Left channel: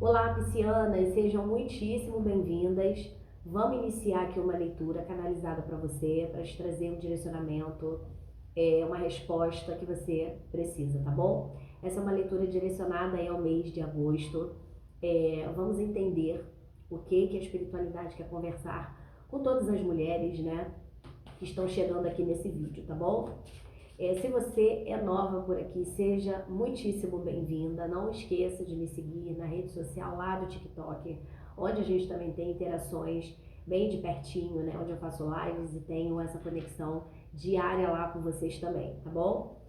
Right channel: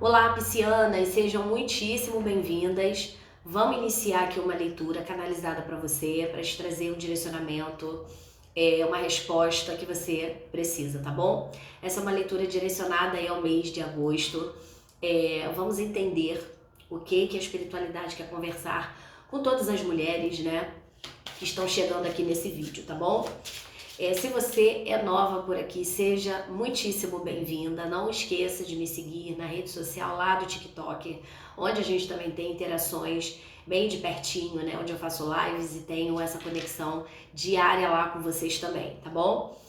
Olá, piscianas, sejam muitíssimo bem-vindas. Vamos iniciar aqui uma leitura canalizada para você, para te trazer um direcionamento, uma resposta que você precisa, tá bom? Essa é uma leitura direcionada aí ao mês de agosto. Vamos entender o que a espiritualidade quer conversar com todas as mulheres, né, que estão chegando aqui nesse vídeo, tá bom? Se você é nova por aqui, seja muitíssimo bem-vinda. Não esqueça de me seguir na rede social lá do TikTok, onde a gente também tem interações bem de pertinho, né? Onde eu faço lives e tenho essa conexão diária lá com vocês também, tá bom?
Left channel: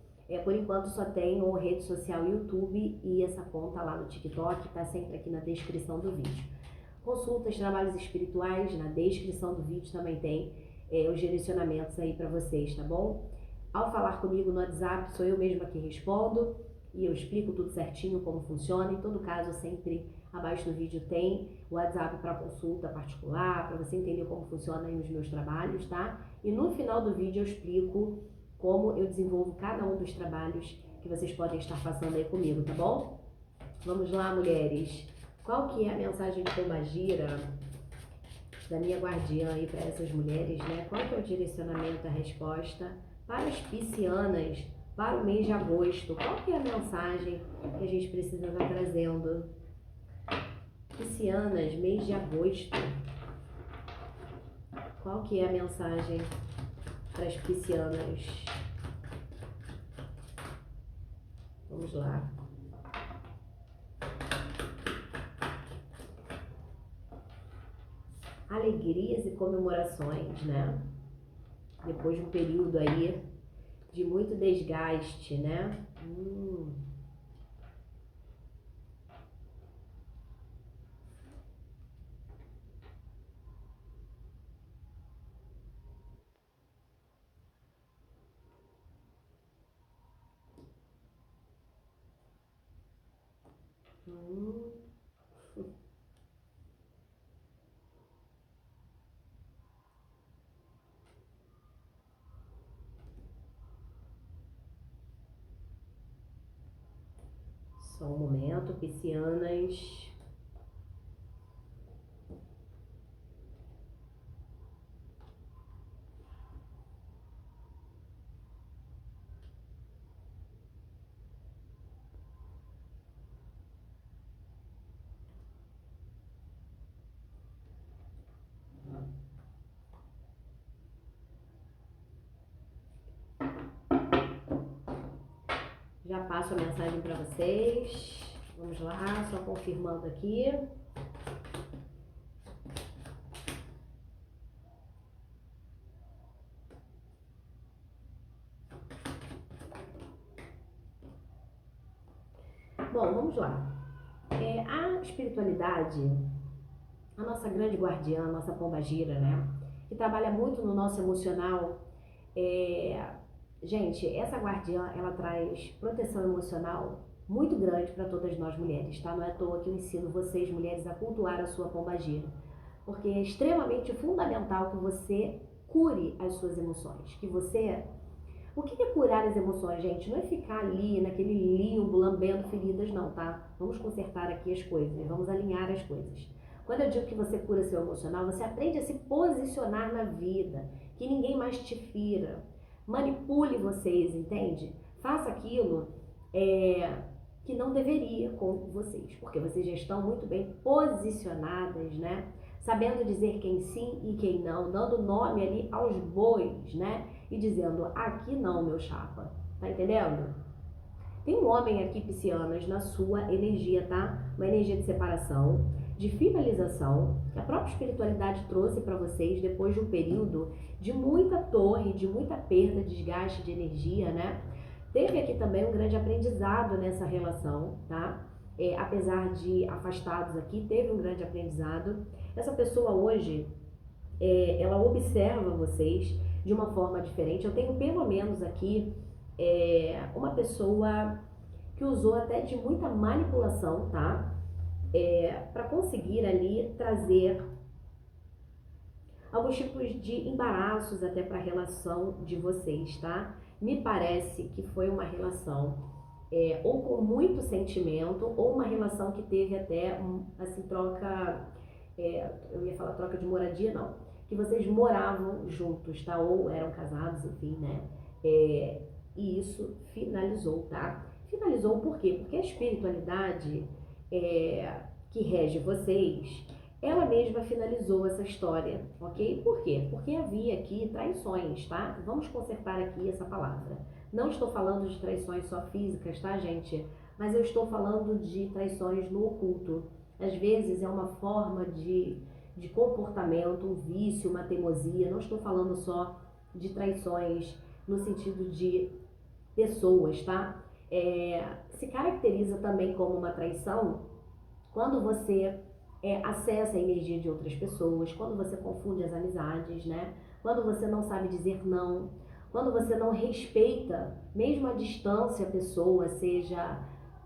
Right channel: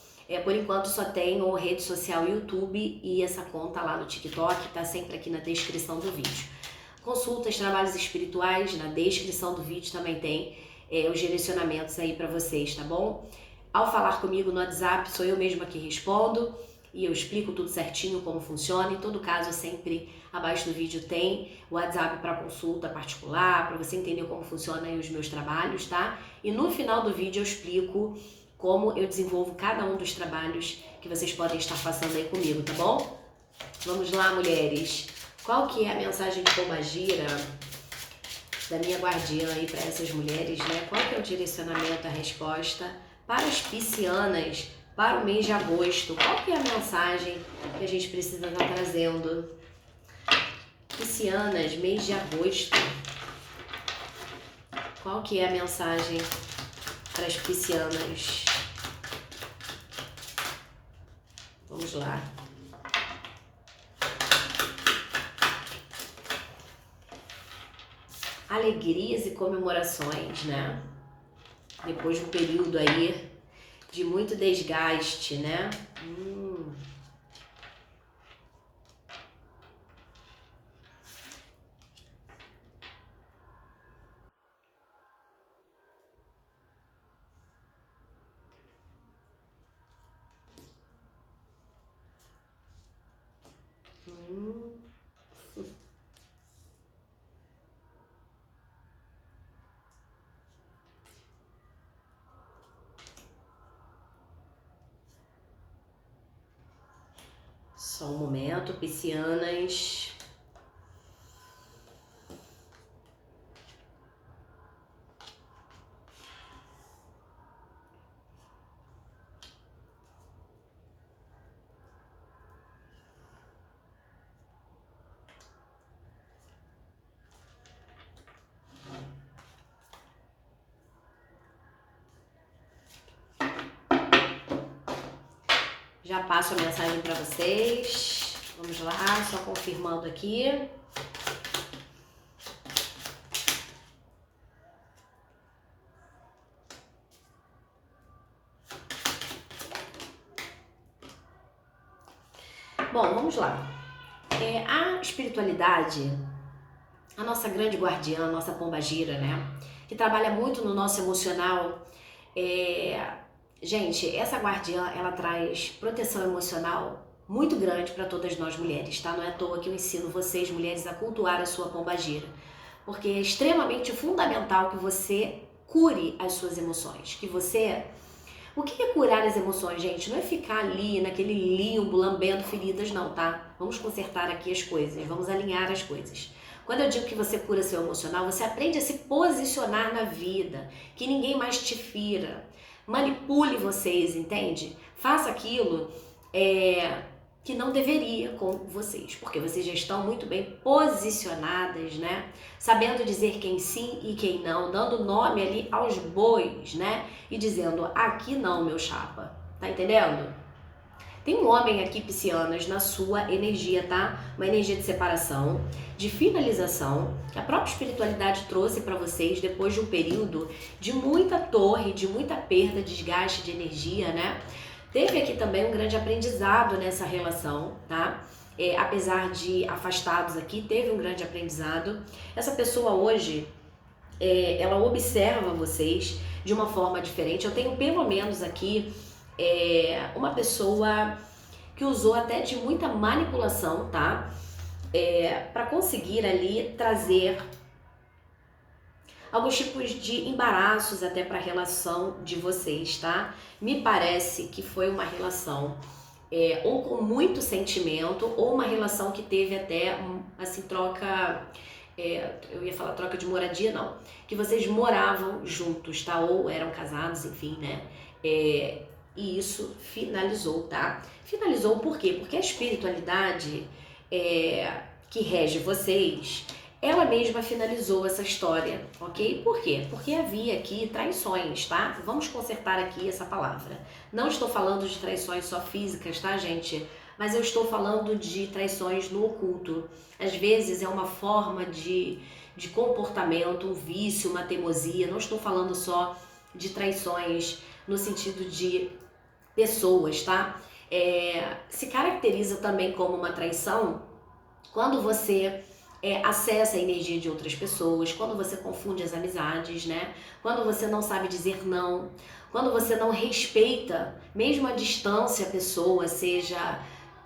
Por enquanto só tenho rede social YouTube e essa conta lá no TikTok, tá sempre aqui na descrição do vídeo. Consultas, trabalhos espirituais, na descrição do vídeo também tem os direcionamentos aí para vocês, tá bom? Ao falar comigo no WhatsApp, sou eu mesma que respondo e eu explico tudo certinho como funciona. Em todo caso, sempre abaixo do vídeo tem o WhatsApp para consulta particular, para você entender como funcionam os meus trabalhos, tá? E no final do vídeo eu explico como eu desenvolvo cada um dos trabalhos que vocês podem estar passando aí comigo, tá bom? Vamos lá, mulheres. Qual que é a mensagem de pombagira da minha guardiã aí para essas mulheres, né? Qual que é o direcionamento, a resposta para as piscianas para o mês de agosto? Qual que é a mensagem que a gente precisa estar trazendo? Piscianas, mês de agosto. Qual que é a mensagem para as piscianas? Vamos lá. Alegrias e comemorações, né? Depois de um período aí de muito desgaste, né? Só um momento, piscianas. Já passo a mensagem para vocês. Vamos lá, só confirmando aqui. Bom, vamos lá. A espiritualidade, a nossa grande guardiã, a nossa pombagira, né? Que trabalha muito no nosso emocional. Gente, essa guardiã, ela traz proteção emocional muito grande para todas nós mulheres, tá? Não é à toa que eu ensino vocês, mulheres, a cultuar a sua pombagira. Porque é extremamente fundamental que você cure as suas emoções, que você... O que é curar as emoções, gente? Não é ficar ali naquele limbo, lambendo feridas, não, tá? Vamos consertar aqui as coisas, vamos alinhar as coisas. Quando eu digo que você cura seu emocional, você aprende a se posicionar na vida, que ninguém mais te fira. Manipule vocês, entende? Faça aquilo que não deveria com vocês, porque vocês já estão muito bem posicionadas, né? Sabendo dizer quem sim e quem não, dando nome ali aos bois, né? E dizendo, aqui não, meu chapa. Tá entendendo? Tem um homem aqui, piscianas, na sua energia, tá? Uma energia de separação, de finalização, que a própria espiritualidade trouxe para vocês depois de um período de muita torre, de muita perda, desgaste de energia, né? Teve aqui também um grande aprendizado nessa relação, tá? Apesar de afastados aqui, teve um grande aprendizado. Essa pessoa hoje, ela observa vocês de uma forma diferente. Eu tenho pelo menos aqui uma pessoa que usou até de muita manipulação, tá? Para conseguir ali trazer alguns tipos de embaraços até para a relação de vocês, tá? Me parece que foi uma relação ou com muito sentimento, ou uma relação que teve até, assim, troca, eu ia falar troca de moradia, não, que vocês moravam juntos, tá? Ou eram casados, enfim, né? E isso finalizou, tá? Finalizou por quê? Porque a espiritualidade que rege vocês, ela mesma finalizou essa história, ok? Por quê? Porque havia aqui traições, tá? Vamos consertar aqui essa palavra. Não estou falando de traições só físicas, tá, gente? Mas eu estou falando de traições no oculto. Às vezes é uma forma de comportamento, um vício, uma teimosia. Não estou falando só de traições no sentido de pessoas, tá? Se caracteriza também como uma traição quando você acessa a energia de outras pessoas, quando você confunde as amizades, né? Quando você não sabe dizer não, quando você não respeita, mesmo a distância, a pessoa, seja,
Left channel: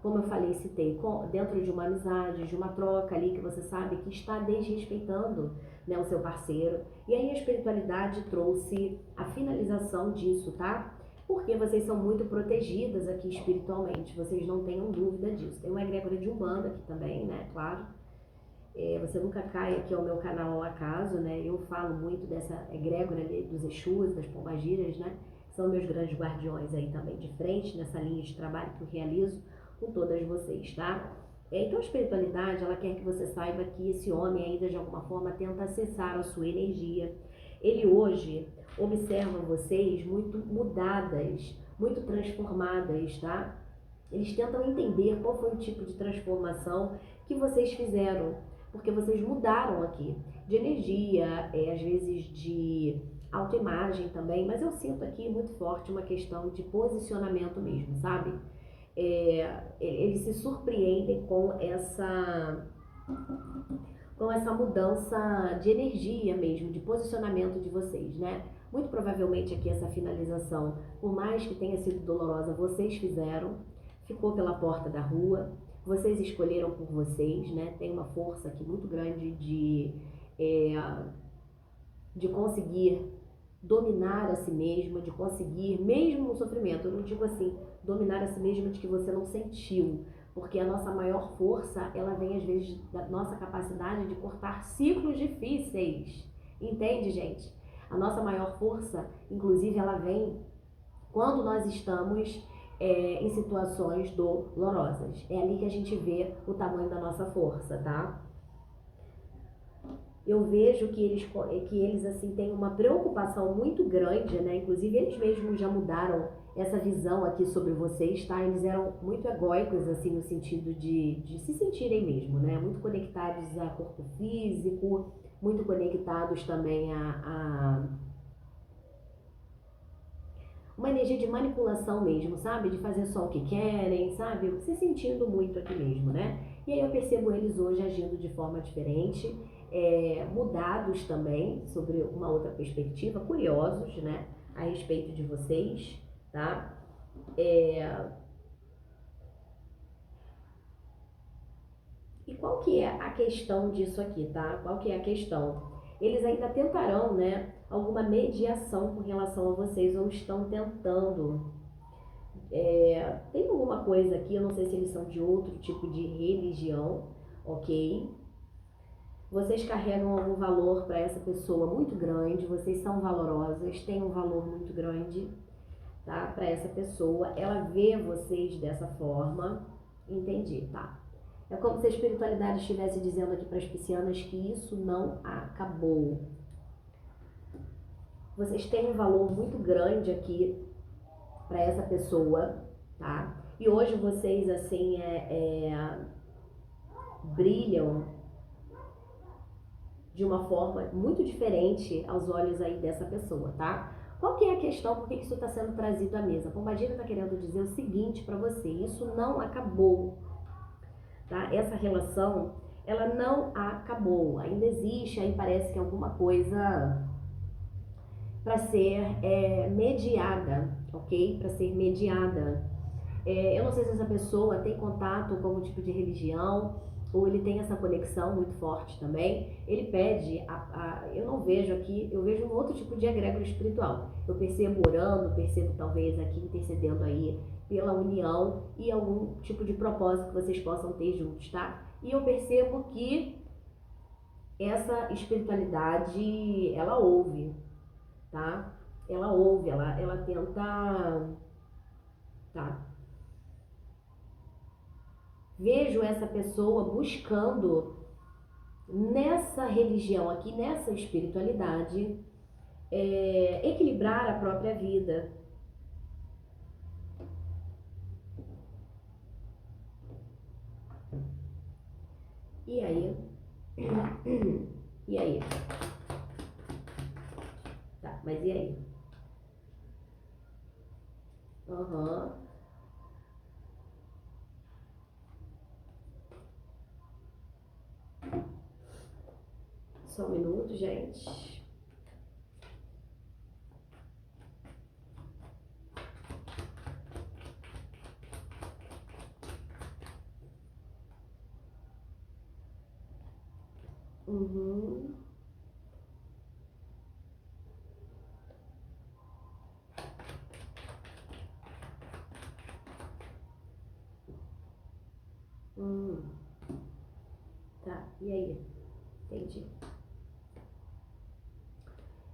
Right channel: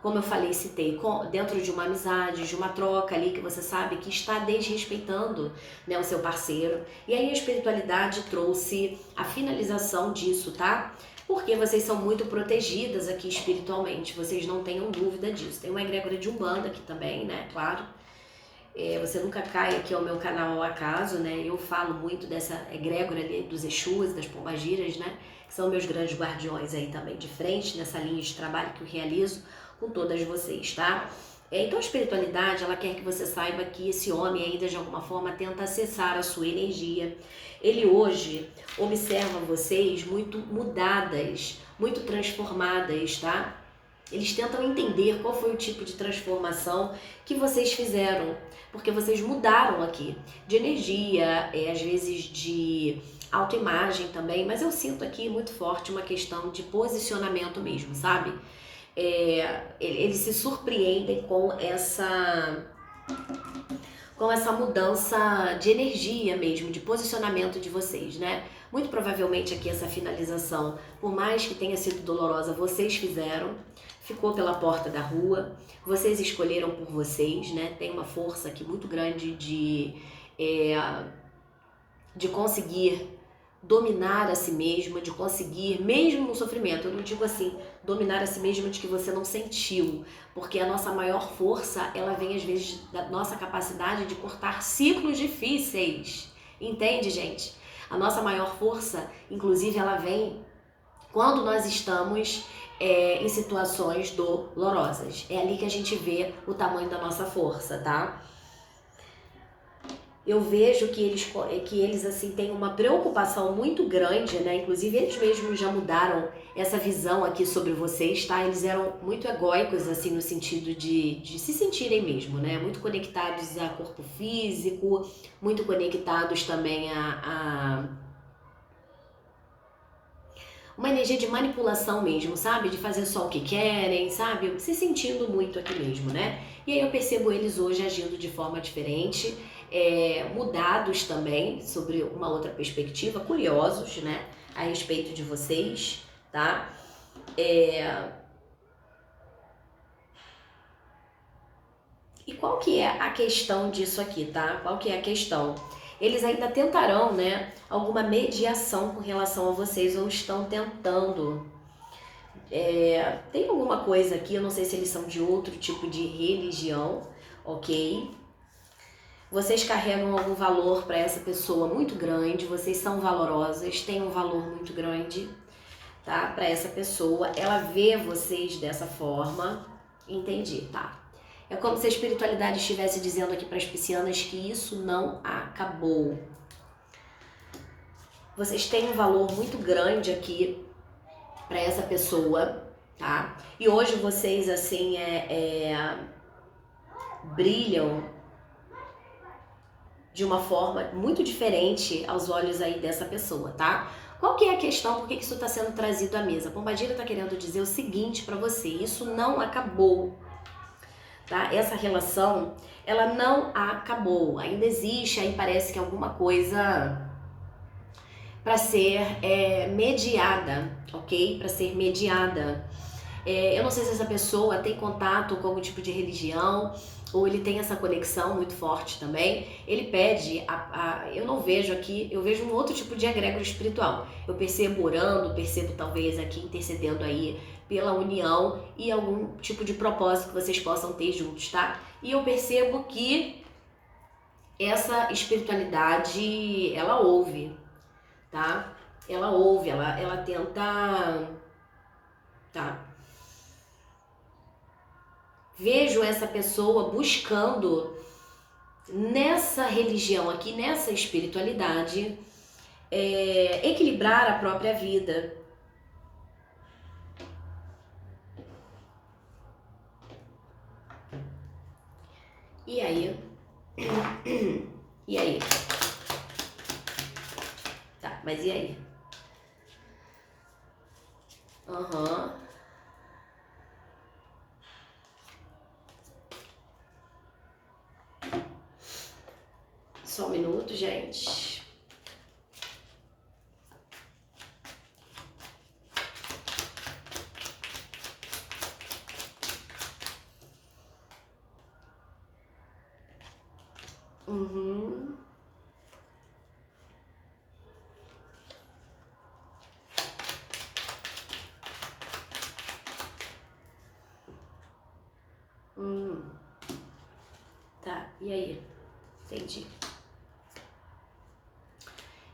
como eu falei, citei, dentro de uma amizade, de uma troca ali que você sabe que está desrespeitando, né, o seu parceiro. E aí a espiritualidade trouxe a finalização disso, tá? Porque vocês são muito protegidas aqui espiritualmente, vocês não tenham dúvida disso. Tem uma egrégora de Umbanda aqui também, né, claro. Você nunca cai aqui ao meu canal ao acaso, né? Eu falo muito dessa egrégora ali dos Exus, das Pombagiras, né? Que são meus grandes guardiões aí também de frente, nessa linha de trabalho que eu realizo com todas vocês, tá? Então a espiritualidade, ela quer que você saiba que esse homem ainda de alguma forma tenta acessar a sua energia. Ele hoje observa vocês muito mudadas, muito transformadas, tá? Eles tentam entender qual foi o tipo de transformação que vocês fizeram, porque vocês mudaram aqui de energia, às vezes de autoimagem também, mas eu sinto aqui muito forte uma questão de posicionamento mesmo, sabe? Eles se surpreendem com essa mudança de energia mesmo, de posicionamento de vocês, né? Muito provavelmente aqui essa finalização, por mais que tenha sido dolorosa, vocês fizeram, ficou pela porta da rua, vocês escolheram por vocês, né? Tem uma força aqui muito grande de conseguir dominar a si mesma, de conseguir, mesmo no sofrimento, eu não digo assim, dominar a si mesma de que você não sentiu, porque a nossa maior força, ela vem às vezes da nossa capacidade de cortar ciclos difíceis, entende, gente? A nossa maior força, inclusive, ela vem quando nós estamos em situações dolorosas. É ali que a gente vê o tamanho da nossa força, tá? Eu vejo que eles assim têm uma preocupação muito grande, né? Inclusive eles mesmos já mudaram essa visão aqui sobre vocês, tá? Eles eram muito egóicos, assim, no sentido de se sentirem mesmo, né? Muito conectados a corpo físico, muito conectados também a uma energia de manipulação mesmo, sabe? De fazer só o que querem, sabe? Se sentindo muito aqui mesmo, né? E aí eu percebo eles hoje agindo de forma diferente, mudados também, sobre uma outra perspectiva, curiosos, né? A respeito de vocês, tá? E qual que é a questão disso aqui, tá? Qual que é a questão? Eles ainda tentarão, né, alguma mediação com relação a vocês, ou estão tentando. Tem alguma coisa aqui, eu não sei se eles são de outro tipo de religião, ok? Vocês carregam algum valor para essa pessoa muito grande, vocês são valorosas, têm um valor muito grande, tá? Para essa pessoa, ela vê vocês dessa forma, entendi, tá? É como se a espiritualidade estivesse dizendo aqui para as piscianas que isso não acabou. Vocês têm um valor muito grande aqui para essa pessoa, tá? E hoje vocês, assim, brilham de uma forma muito diferente aos olhos aí dessa pessoa, tá? Qual que é a questão? Por que isso está sendo trazido à mesa? A Pombagira está querendo dizer o seguinte para você: isso não acabou. Tá? Essa relação, ela não acabou, ainda existe, aí parece que alguma coisa para ser mediada, ok? Para ser mediada. Eu não sei se essa pessoa tem contato com algum tipo de religião, ou ele tem essa conexão muito forte também. Ele pede, eu não vejo aqui, eu vejo um outro tipo de egrégora espiritual. Eu percebo orando, percebo talvez aqui intercedendo aí pela união e algum tipo de propósito que vocês possam ter juntos, tá? E eu percebo que essa espiritualidade, ela ouve, tá? Ela ouve, ela tenta, tá? Vejo essa pessoa buscando nessa religião aqui, nessa espiritualidade, equilibrar a própria vida. E aí? E aí? Tá, mas e aí? Aham. Só um minuto, gente. Uhum. Hum. Tá, e aí? Entendi.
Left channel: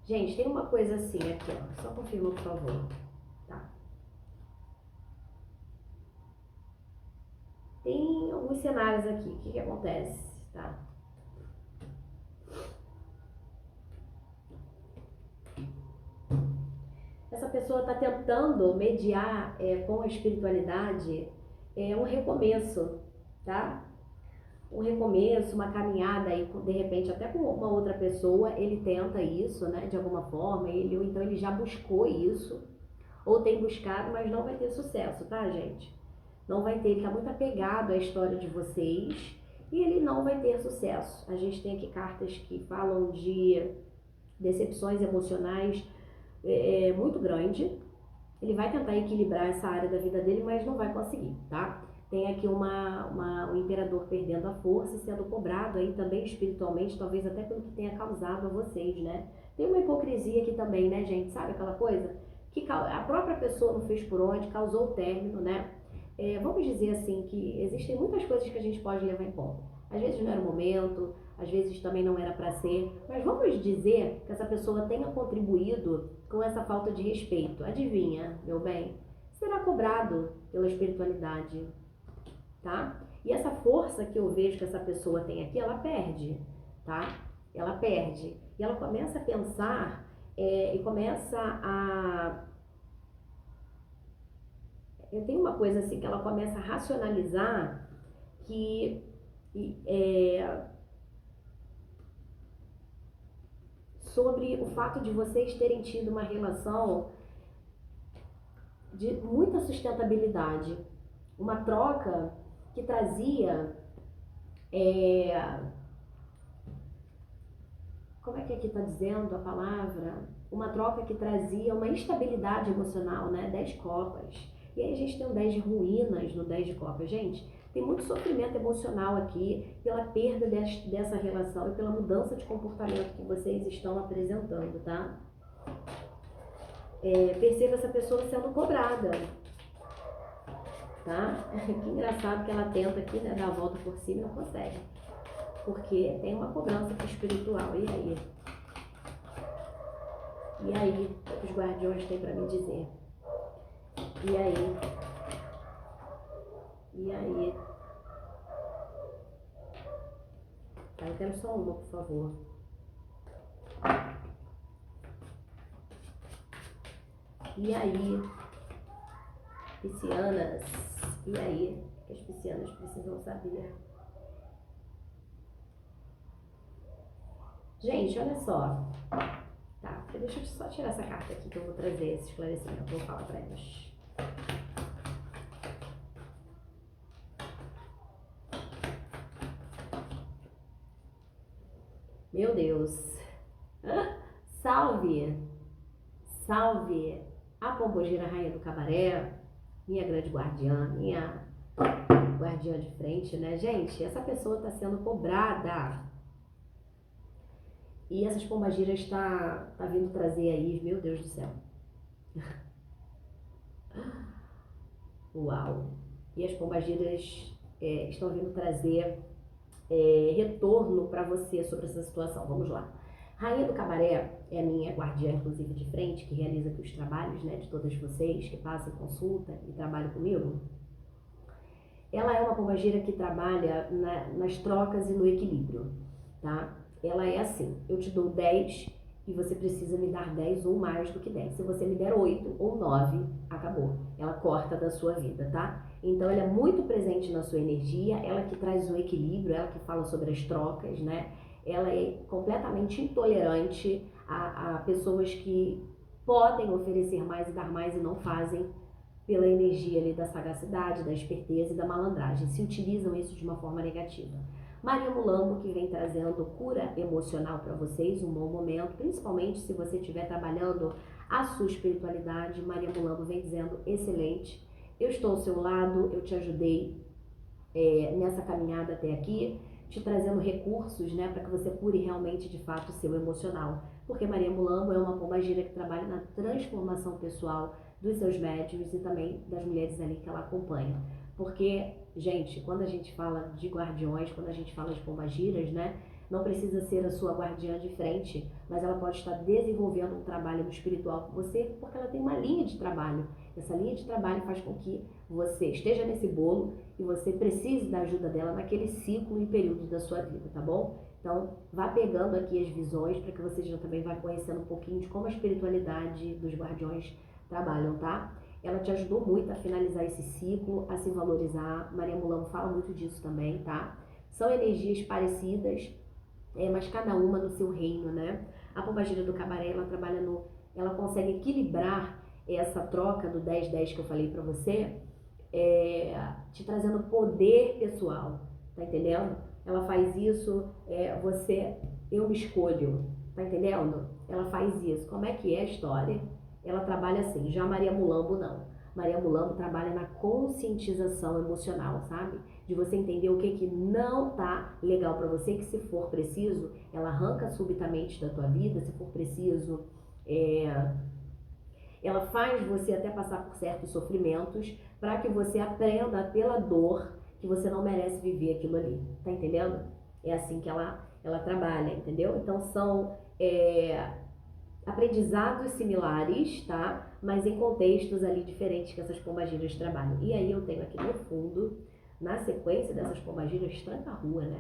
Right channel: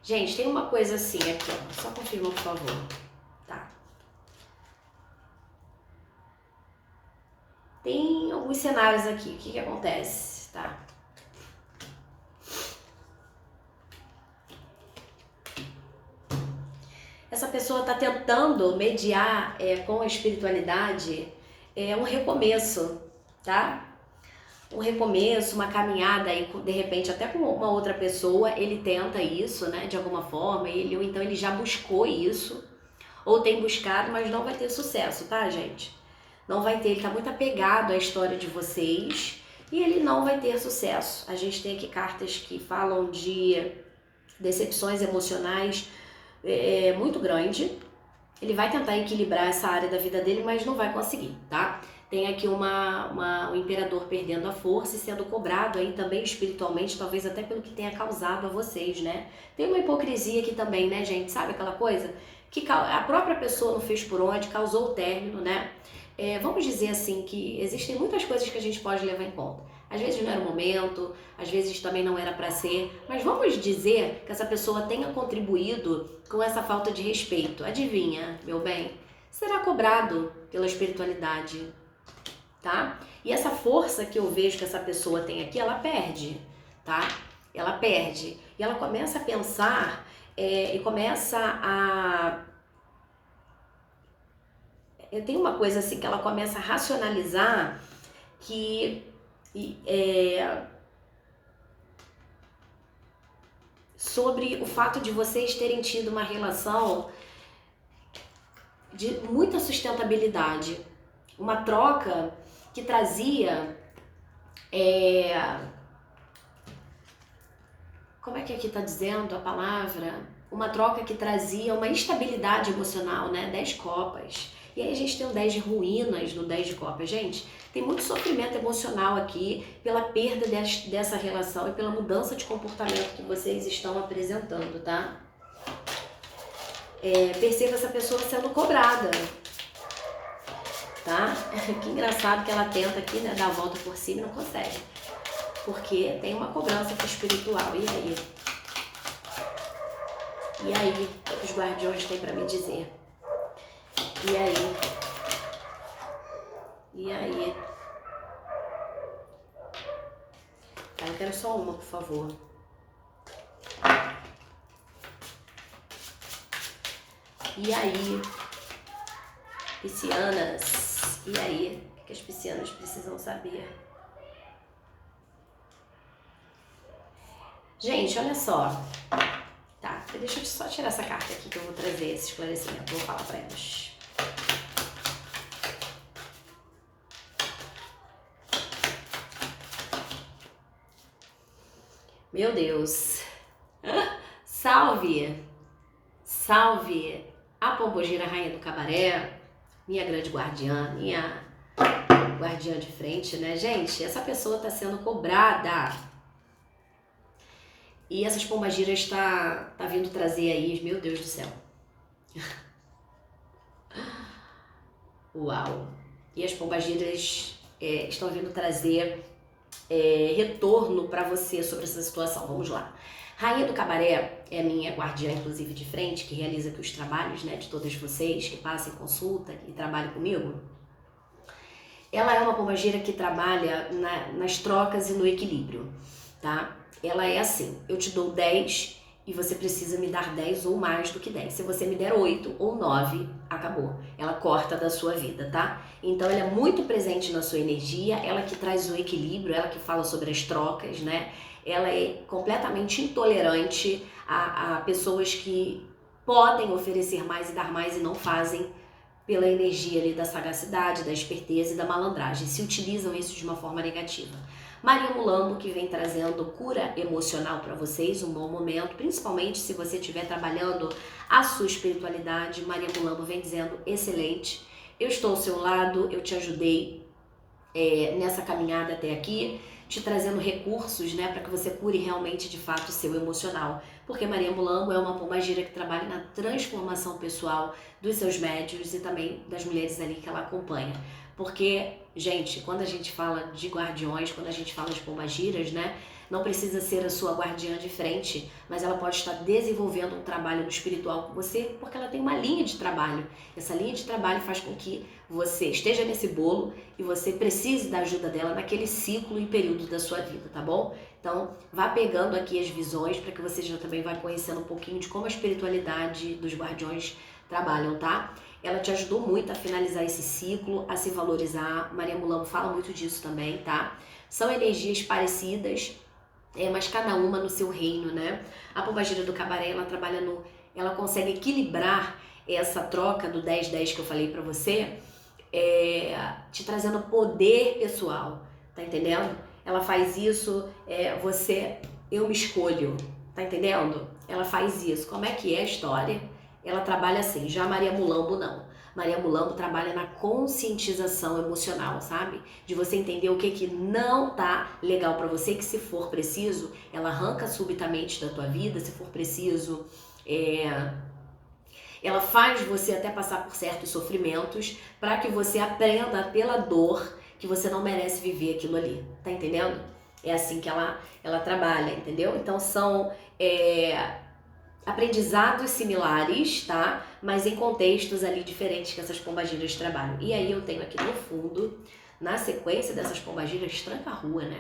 Gente, tem uma coisa assim aqui, ó. Só confirma, por favor. Tá. Tem alguns cenários aqui. O que acontece? Tá. Essa pessoa tá tentando mediar com a espiritualidade um recomeço, tá? Um recomeço, uma caminhada aí, de repente, até com uma outra pessoa, ele tenta isso, né, de alguma forma, ou então ele já buscou isso, ou tem buscado, mas não vai ter sucesso, tá, gente? Não vai ter, ele tá muito apegado à história de vocês e ele não vai ter sucesso. A gente tem aqui cartas que falam de decepções emocionais muito grande. Ele vai tentar equilibrar essa área da vida dele, mas não vai conseguir, tá? Tem aqui um imperador perdendo a força e sendo cobrado aí também espiritualmente, talvez até pelo que tenha causado a vocês, né? Tem uma hipocrisia aqui também, né, gente? Sabe aquela coisa? Que a própria pessoa não fez por onde, causou o término, né? Vamos dizer assim que existem muitas coisas que a gente pode levar em conta. Às vezes não era o momento, às vezes também não era para ser, mas vamos dizer que essa pessoa tenha contribuído com essa falta de respeito. Adivinha, meu bem? Será cobrado pela espiritualidade, tá? E essa força que eu vejo que essa pessoa tem aqui, ela perde, tá? Ela perde. E ela começa a pensar e começa a... Tem uma coisa assim que ela começa a racionalizar que sobre o fato de vocês terem tido uma relação de muita sustentabilidade, uma troca que trazia, como é que aqui tá dizendo a palavra? Uma troca que trazia uma estabilidade emocional, né? 10 copas. E aí a gente tem o 10 de ruínas no 10 de copas. Gente, tem muito sofrimento emocional aqui pela perda dessa relação e pela mudança de comportamento que vocês estão apresentando, tá? Perceba essa pessoa sendo cobrada, tá? Que engraçado que ela tenta aqui, né, dar a volta por cima e não consegue. Porque tem uma cobrança espiritual. E aí? E aí? O que os guardiões têm pra me dizer? E aí? E aí? Tá, eu quero só uma, por favor. E aí? Piscianas? E aí? O que as piscianas precisam saber? Gente, olha só. Tá, deixa eu só tirar essa carta aqui que eu vou trazer esse esclarecimento. Vou falar pra elas. Meu Deus. Salve! Salve! A Pombogira, rainha do cabaré, minha grande guardiã, minha guardiã de frente, né? Gente, essa pessoa tá sendo cobrada. E essas pombagiras tá vindo trazer aí, meu Deus do céu. Uau! E as pombagiras estão vindo trazer retorno para você sobre essa situação. Vamos lá. Rainha do Cabaré é minha guardiã, inclusive, de frente, que realiza aqui os trabalhos, né, de todas vocês que passam em consulta e trabalham comigo. Ela é uma pombagira que trabalha nas trocas e no equilíbrio, tá? Ela é assim, eu te dou 10 e você precisa me dar 10 ou mais do que 10. Se você me der 8 ou 9, acabou. Ela corta da sua vida, tá? Então ela é muito presente na sua energia, ela que traz o equilíbrio, ela que fala sobre as trocas, né? Ela é completamente intolerante a pessoas que podem oferecer mais e dar mais e não fazem, pela energia ali da sagacidade, da esperteza e da malandragem. Se utilizam isso de uma forma negativa. Maria Mulambo, que vem trazendo cura emocional para vocês, um bom momento, principalmente se você estiver trabalhando a sua espiritualidade. Maria Mulambo vem dizendo, excelente, eu estou ao seu lado, eu te ajudei nessa caminhada até aqui, te trazendo recursos, né, para que você cure realmente, de fato, o seu emocional. Porque Maria Mulambo é uma pombagira que trabalha na transformação pessoal dos seus médiuns e também das mulheres ali que ela acompanha. Porque, gente, quando a gente fala de guardiões, quando a gente fala de pombagiras, né, não precisa ser a sua guardiã de frente, mas ela pode estar desenvolvendo um trabalho no espiritual com você, porque ela tem uma linha de trabalho. Essa linha de trabalho faz com que você esteja nesse bolo e você precise da ajuda dela naquele ciclo e período da sua vida, tá bom? Então, vá pegando aqui as visões para que você já também vá conhecendo um pouquinho de como a espiritualidade dos guardiões trabalham, tá? Ela te ajudou muito a finalizar esse ciclo, a se valorizar. Maria Mulambo fala muito disso também, tá? São energias parecidas, mas cada uma no seu reino, né? A pombagira do Cabaré, ela trabalha ela consegue equilibrar essa troca do 10-10 que eu falei pra você, te trazendo poder pessoal, tá entendendo? Ela faz isso, eu me escolho, tá entendendo? Ela faz isso. Como é que é a história? Ela trabalha assim, já Maria Mulambo não. Maria Mulambo trabalha na conscientização emocional, sabe? De você entender o que não tá legal pra você, que se for preciso, ela arranca subitamente da tua vida, se for preciso, ela faz você até passar por certos sofrimentos para que você aprenda pela dor que você não merece viver aquilo ali, tá entendendo? É assim que ela trabalha, entendeu? Então são aprendizados similares, tá? Mas em contextos ali diferentes que essas pombagiras trabalham. E aí eu tenho aqui no fundo, na sequência dessas pombagiras, Tranca-Rua, né?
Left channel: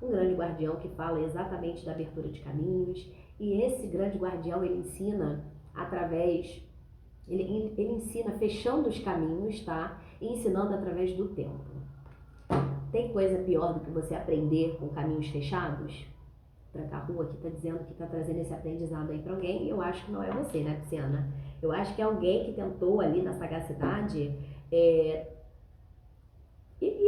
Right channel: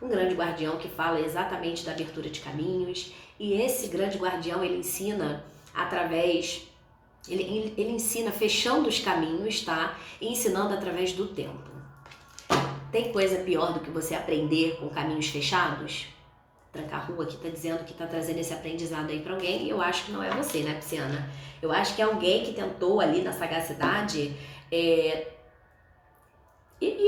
Um grande guardião que fala exatamente da abertura de caminhos. E esse grande guardião, ele ensina através... Ele ensina fechando os caminhos, tá? E ensinando através do tempo. Tem coisa pior do que você aprender com caminhos fechados? Tranca-Rua que tá dizendo que tá trazendo esse aprendizado aí pra alguém, e eu acho que não é você, né, Pisciana? Eu acho que é alguém que tentou ali na sagacidade,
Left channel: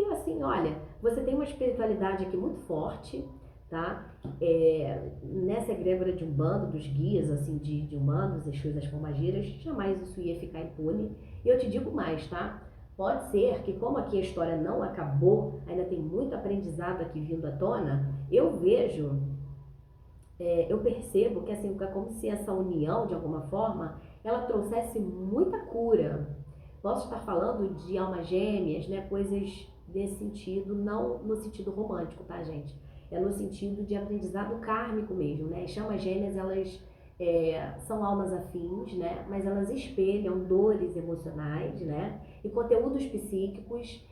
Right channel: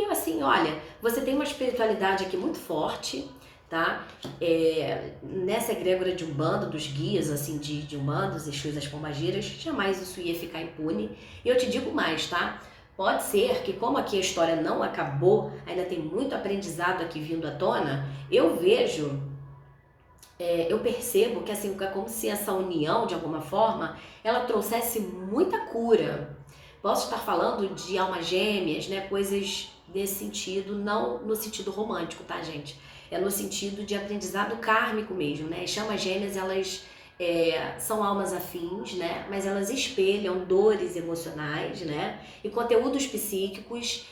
assim, olha, você tem uma espiritualidade aqui muito forte, tá? Nessa egrégora de Umbanda, dos guias, assim, de Umbanda, os Exus, as pombagiras, jamais isso ia ficar impune. E eu te digo mais, tá? Pode ser que, como aqui a história não acabou, ainda tem muito aprendizado aqui vindo à tona, eu vejo... eu percebo que assim, é como se essa união, de alguma forma, ela trouxesse muita cura. Posso estar falando de almas gêmeas, né? Coisas nesse sentido, não no sentido romântico, tá, gente? É no sentido de aprendizado kármico mesmo, né? As chamas gêmeas, elas são almas afins, né? Mas elas espelham dores emocionais, né? E conteúdos psíquicos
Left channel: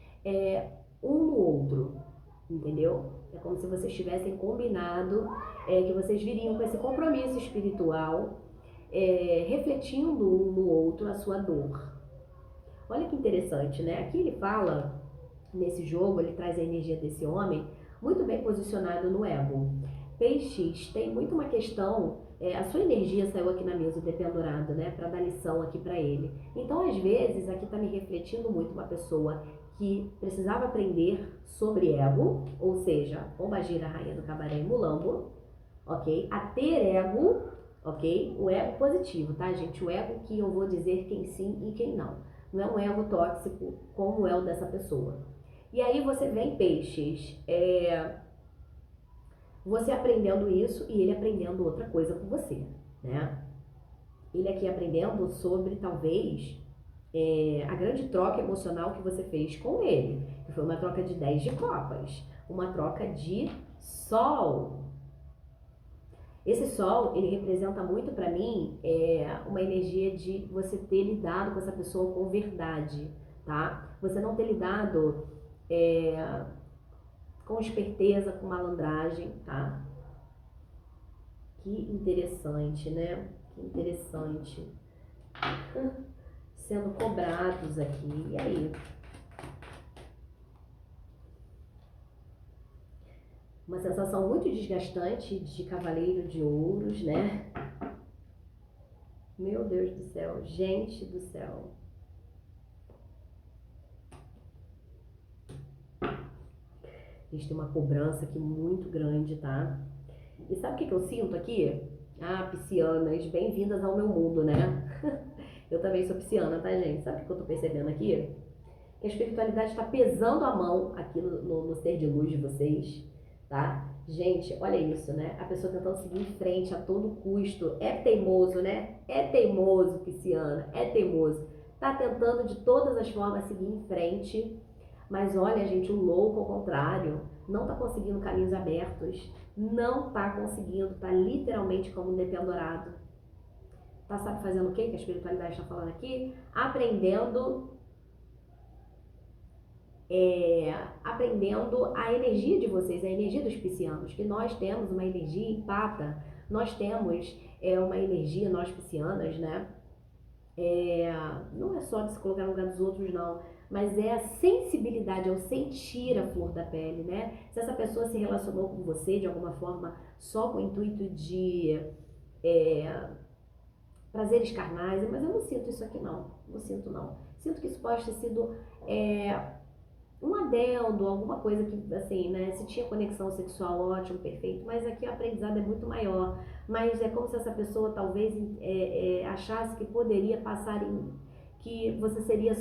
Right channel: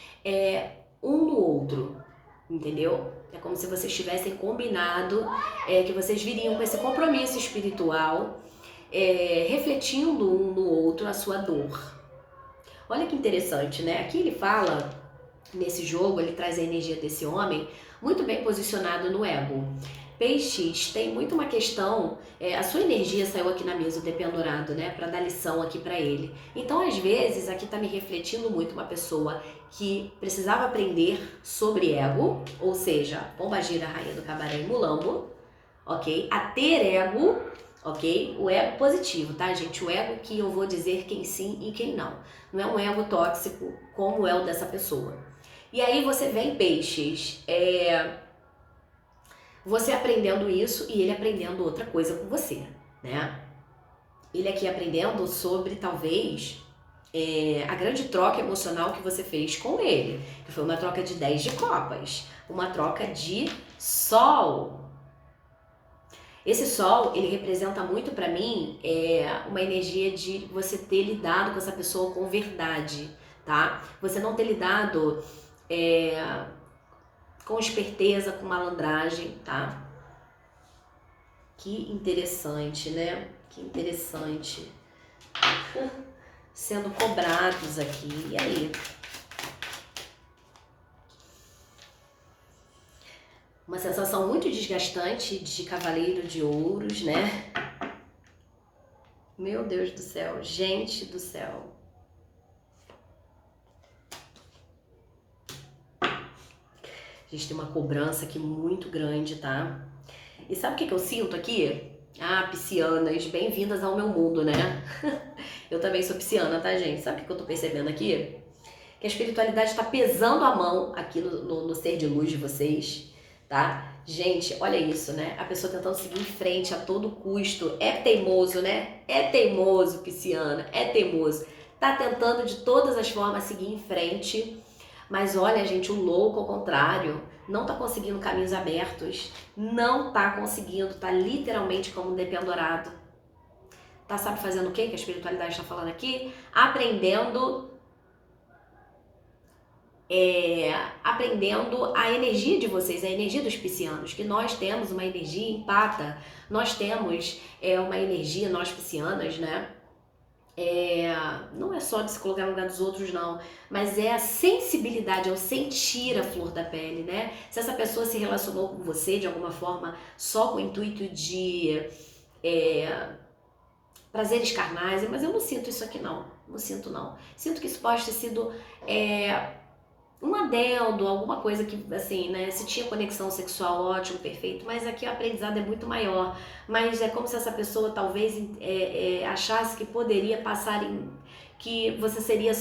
um no outro, entendeu? É como se vocês tivessem combinado que vocês viriam com esse compromisso espiritual, refletindo um no outro a sua dor. Olha que interessante, né? Aqui ele fala, nesse jogo, ele traz a energia desse homem muito bem posicionado no ego. Peixes tem muito uma questão, a sua energia saiu aqui na mesa, o dependurado, né? Pra dar lição aqui pra ele. Então, às vezes, aqui tá me refletindo muito uma pessoa que precisava aprender sobre ego, ou seja, pombagira, rainha do Cabaré e Mulambo, ok? A ter ego, ok? O ego positivo, tá, gente? O ego que eu vou dizer quem sim e quem não. Não é um ego tóxico como é o dessa pessoa. E aí você vem, peixes, você aprendendo isso e ele aprendendo outra coisa com você, né? Ele aqui aprendendo sobre, talvez, a grande troca emocional que você fez com ele, que foi uma troca de 10 de copas, uma troca de sol. Esse sol, ele representa muito pra mim uma energia de você ter lidado com essa pessoa com verdade, tá? Você não ter lidado com esperteza, com malandragem, tá? Que interessante, né? Que interessante. Sendo cobrados aqui. E aí? Uma sensação muito desgastante de cavaleiro de ouros, né? Meu Deus do céu, gente do céu. A gente tem uma cobrança aqui muito grande, tá? E sabe o que eu sinto aqui? Ah, piscianas, bem-vindas ao meu mundo, né? Eu também sou pisciana, tá, gente? Sabe o que eu tô percebendo aqui? Que a espiritualidade está pesando a mão aqui no ser de luz de vocês, tá? Gente, olha isso, né? A pessoa tentando seguir em frente a todo custo. É teimoso, né? É teimoso, pisciana, é teimoso. Tá tentando de todas as formas seguir em frente. Mas olha, gente, o louco, ao contrário, não tá conseguindo caminhos abertos. Não tá conseguindo, tá literalmente como um dependurado. Tá, sabe, fazendo o quê que a espiritualidade está falando aqui? Aprendendo a energia de vocês, a energia dos piscianos, que nós temos uma energia empata, nós temos uma energia, nós piscianas, né? Não é só de se colocar no lugar dos outros, não, mas é a sensibilidade, é o sentir a flor da pele, né? Se essa pessoa se relacionou com você de alguma forma só com o intuito de prazeres carnais, mas eu não sinto isso aqui, não sinto, não. Sinto que isso pode ter sido um adendo, alguma coisa que, assim, né, se tinha conexão sexual, ótimo, perfeito, mas aqui o aprendizado é muito maior, mas é como se essa pessoa talvez achasse que poderia passar que você seria,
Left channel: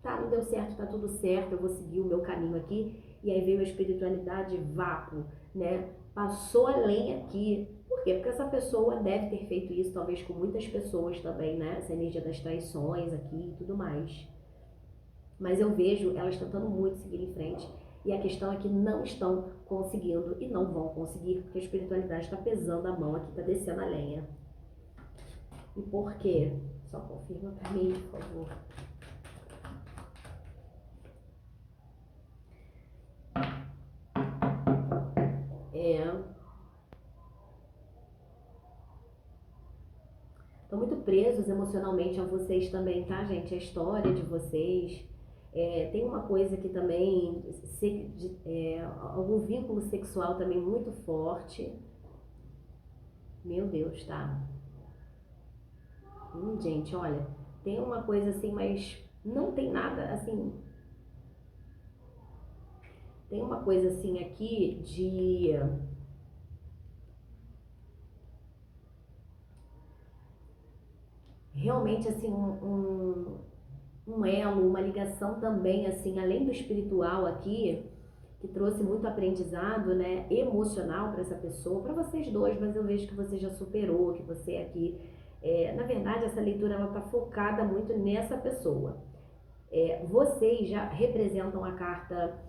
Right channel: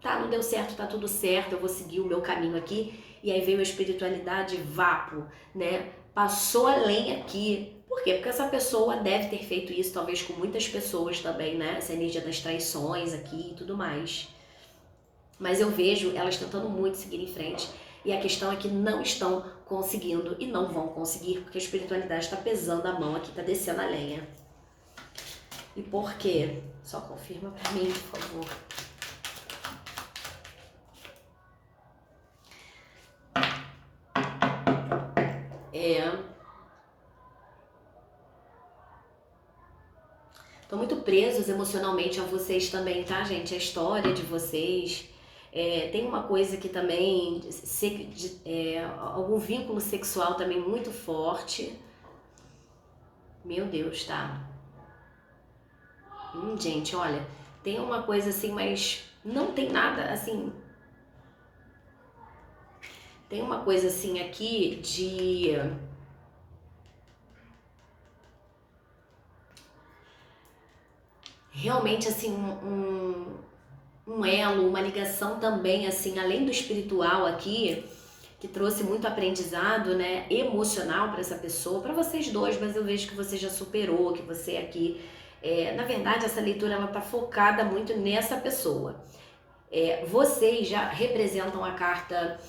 tá, não deu certo, tá tudo certo, eu vou seguir o meu caminho aqui, e aí veio a espiritualidade vapo, né, passou além aqui. Por quê? Porque essa pessoa deve ter feito isso, talvez com muitas pessoas também, né, essa energia das traições aqui e tudo mais. Mas eu vejo elas tentando muito seguir em frente. E a questão é que não estão conseguindo e não vão conseguir, porque a espiritualidade está pesando a mão aqui, está descendo a lenha. E por quê? Só confirma para mim, por favor. Estão muito presos emocionalmente a vocês também, tá, gente? A história de vocês. Tem uma coisa que também, algum vínculo sexual também muito forte. Meu Deus, tá? Gente, olha, tem uma coisa assim, mas não tem nada, assim... Tem uma coisa assim aqui de... Realmente, assim, um elo, uma ligação também, assim, além do espiritual aqui, que trouxe muito aprendizado, né, emocional para essa pessoa, para vocês dois, mas eu vejo que você já superou, que você aqui, na verdade, essa leitura, ela tá focada muito nessa pessoa. Vocês já representam a carta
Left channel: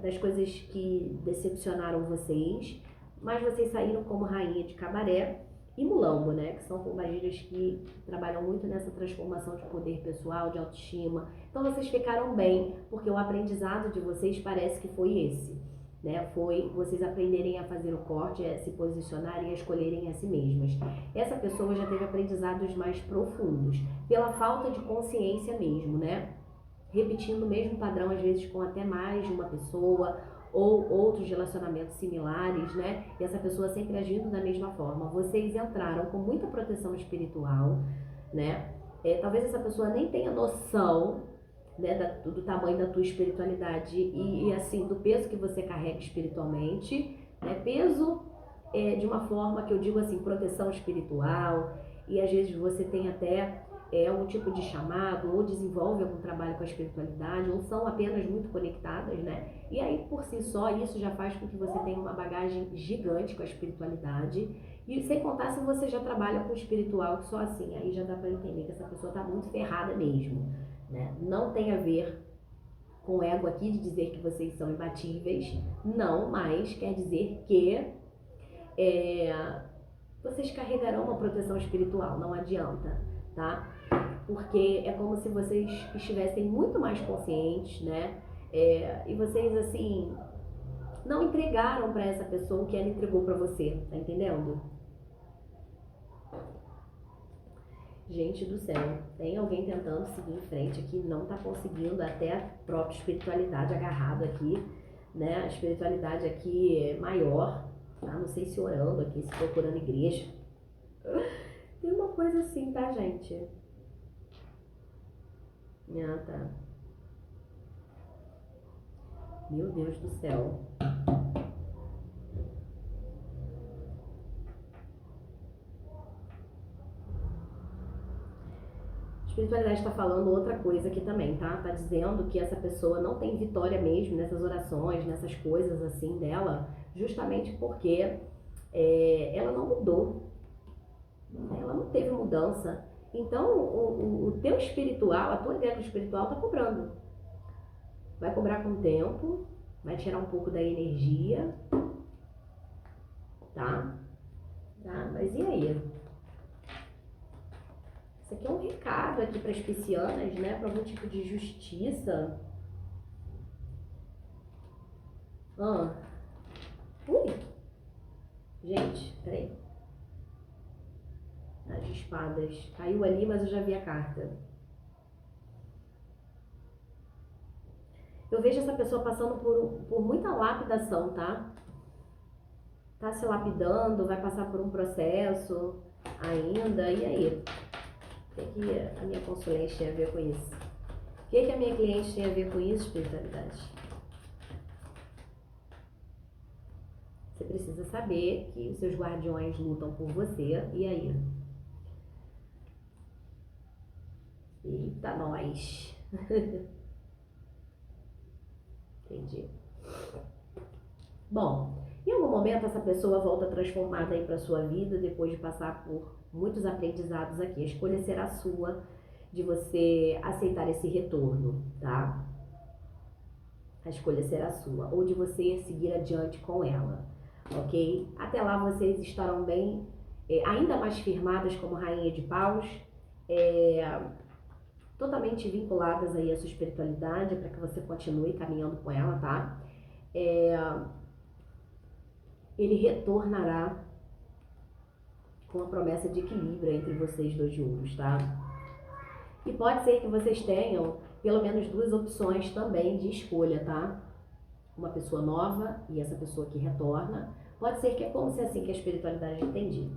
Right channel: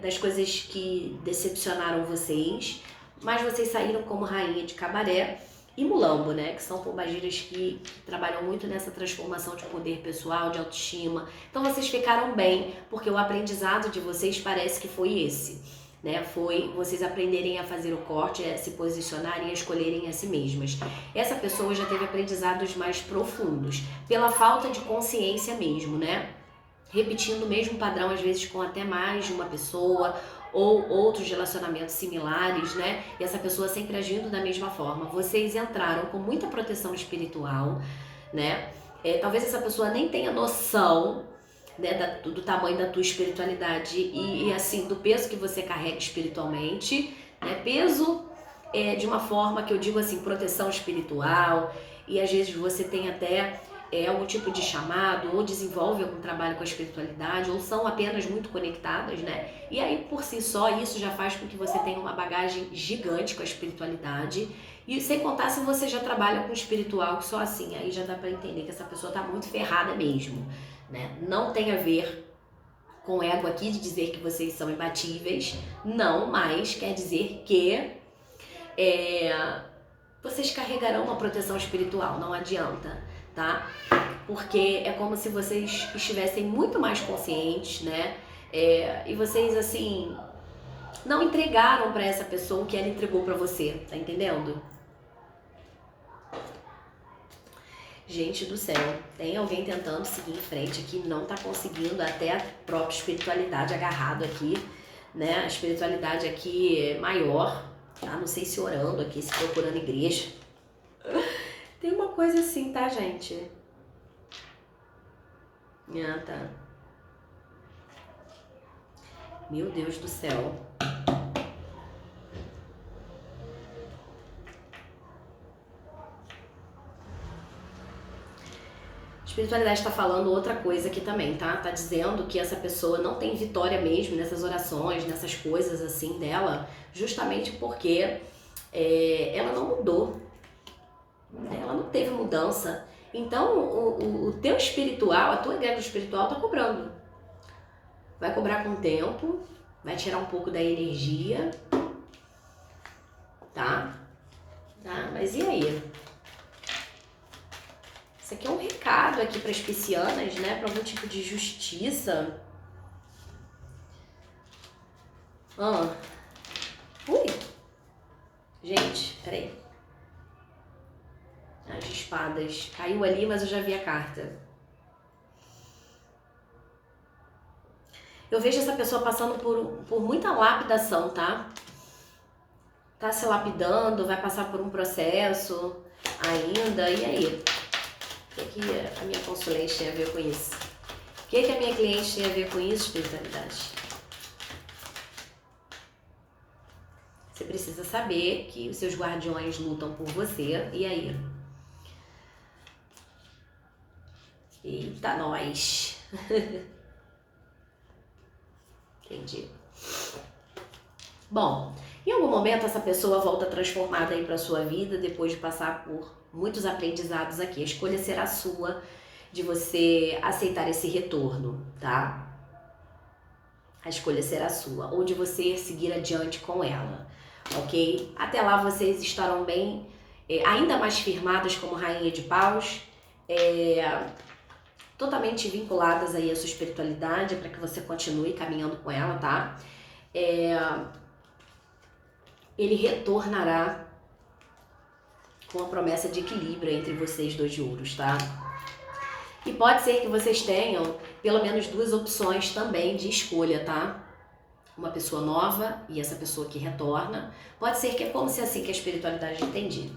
das coisas que decepcionaram vocês, mas vocês saíram como rainha de cabaré e mulambo, né? Que são pombagiras que trabalham muito nessa transformação de poder pessoal, de autoestima. Então vocês ficaram bem, porque o aprendizado de vocês parece que foi esse, né? Foi vocês aprenderem a fazer o corte, a se posicionarem, a escolherem a si mesmas. Essa pessoa já teve aprendizados mais profundos, pela falta de consciência mesmo, né? Repetindo o mesmo padrão, às vezes com até mais de uma pessoa, ou outros relacionamentos similares, né? E essa pessoa sempre agindo da mesma forma. Vocês entraram com muita proteção espiritual, né? Talvez essa pessoa nem tenha noção, né, do tamanho da tua espiritualidade e assim, do peso que você carrega espiritualmente, né? Peso de uma forma que eu digo assim, proteção espiritual, e às vezes você tem até algum tipo de chamado, ou desenvolve algum trabalho com a espiritualidade, ou são apenas muito conectadas, né? E aí, por si só, isso já faz com que você tenha uma bagagem gigante com a espiritualidade. E sem contar se você já trabalha com espiritual, que só assim, aí já dá pra entender que essa pessoa tá muito ferrada mesmo, né? Não tem a ver com o ego aqui de dizer que vocês são imbatíveis, não, mas quer dizer que vocês carregarão uma proteção espiritual, não adianta, tá? Porque é como se vocês estivessem muito mais conscientes, né? E vocês, assim, não entregaram pra essa pessoa o que ela entregou pra você, tá entendendo? Gente do céu, tem alguém tentando seguir em frente aqui, não tá conseguindo, até a própria espiritualidade agarrado aqui, né? A espiritualidade aqui é maior, tá? Não sei se orando aqui, se procurando igreja. Tem uma coisa assim, tá, gente? Ah, tá. Meu Deus do céu. A espiritualidade está falando outra coisa aqui também, tá? Tá dizendo que essa pessoa não tem vitória mesmo nessas orações, nessas coisas assim dela, justamente porque ela não mudou, ela não teve mudança. Então, o teu espiritual, a tua egrégora espiritual tá cobrando. Vai cobrar com o tempo, vai tirar um pouco da energia, tá? Mas e aí? Isso aqui é um recado aqui para as piscianas, né? Para algum tipo de justiça. Ui! Gente, peraí. As de espadas. Caiu ali, mas eu já vi a carta. Eu vejo essa pessoa passando por muita lapidação, tá? Tá se lapidando, vai passar por um processo ainda. E aí? O que a minha consulente tem a ver com isso? O que a minha cliente tem a ver com isso, espiritualidade? Você precisa saber que os seus guardiões lutam por você. E aí? Eita, nós! Entendi. Bom, em algum momento essa pessoa volta transformada aí para sua vida depois de passar por muitos aprendizados aqui. A escolha será sua de você aceitar esse retorno, tá? A escolha será sua, ou de você seguir adiante com ela, ok? Até lá vocês estarão bem, ainda mais firmadas como rainha de paus, totalmente vinculadas aí à sua espiritualidade, para que você continue caminhando com ela, tá? Ele retornará com a promessa de equilíbrio entre vocês dois de ouros, tá? E pode ser que vocês tenham pelo menos duas opções também de escolha, tá? Uma pessoa nova e essa pessoa que retorna. Pode ser que é como se assim que a espiritualidade entendi.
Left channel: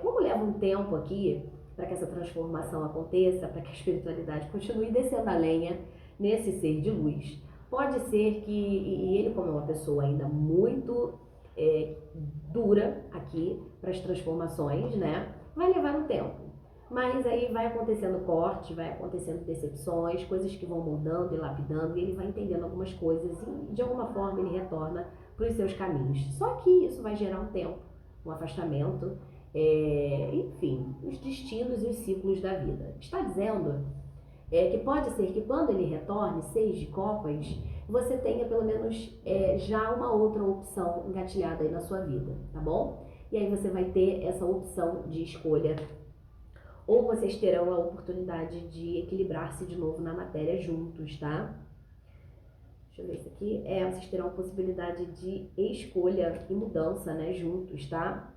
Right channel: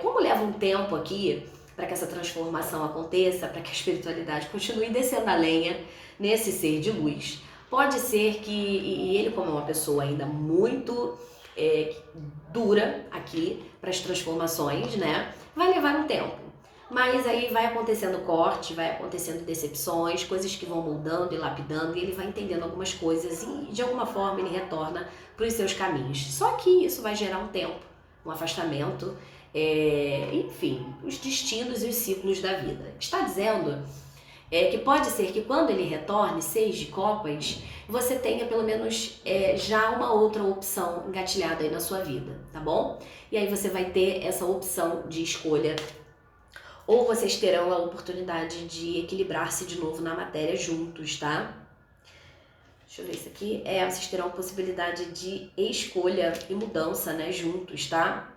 Como leva um tempo aqui para que essa transformação aconteça, para que a espiritualidade continue descendo a lenha nesse ser de luz, pode ser que, e ele como é uma pessoa ainda muito dura aqui para as transformações, né? Vai levar um tempo. Mas aí vai acontecendo corte, vai acontecendo decepções, coisas que vão mudando e lapidando, e ele vai entendendo algumas coisas e de alguma forma ele retorna para os seus caminhos. Só que isso vai gerar um tempo, um afastamento, enfim, os destinos e os ciclos da vida. Está dizendo que pode ser que quando ele retorne, 6 de copas, você tenha pelo menos já uma outra opção engatilhada aí na sua vida, tá bom? E aí você vai ter essa opção de escolha, ou vocês terão a oportunidade de equilibrar-se de novo na matéria juntos, tá? Deixa eu ver isso aqui. Vocês terão a possibilidade de escolha e mudança, né, juntos, tá?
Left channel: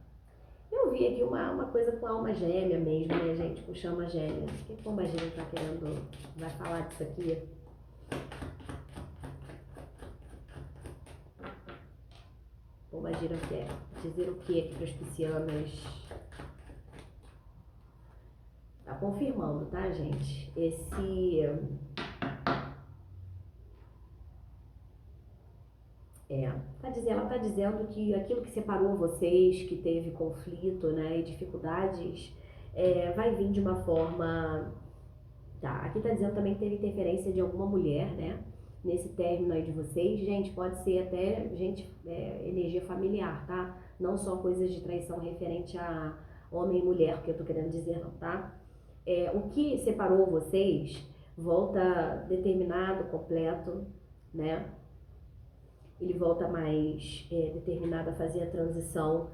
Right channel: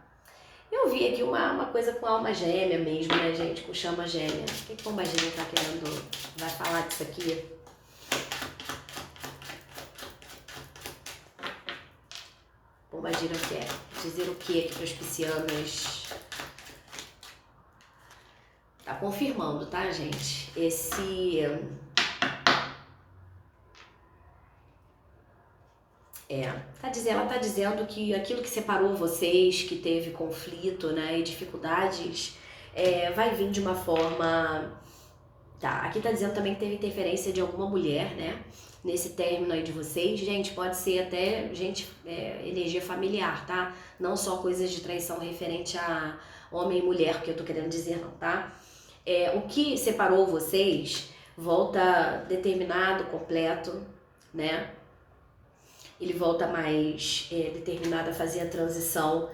Eu vi aqui uma coisa com alma gêmea mesmo, né, gente? Com chama gêmea. O que Pombagira tá querendo? Vai falar disso aqui? Pombagira quer dizer o que aqui para as piscianas? Tá confirmando, tá, gente? Ela tá dizendo que aquilo que separou vocês, que teve conflito, né, e dificuldades, vai vir de uma forma... Tá, aqui tá dizendo também que teve interferência de alguma mulher, né? Nesse término aí de vocês. Gente, pode ser até, energia familiar, tá? Não só coisas de traição referente a homem e mulher, que eu tô querendo dizer não, tá? O que separou vocês volta determinado, completo, né? Ele volta mais determinado a fazer a transição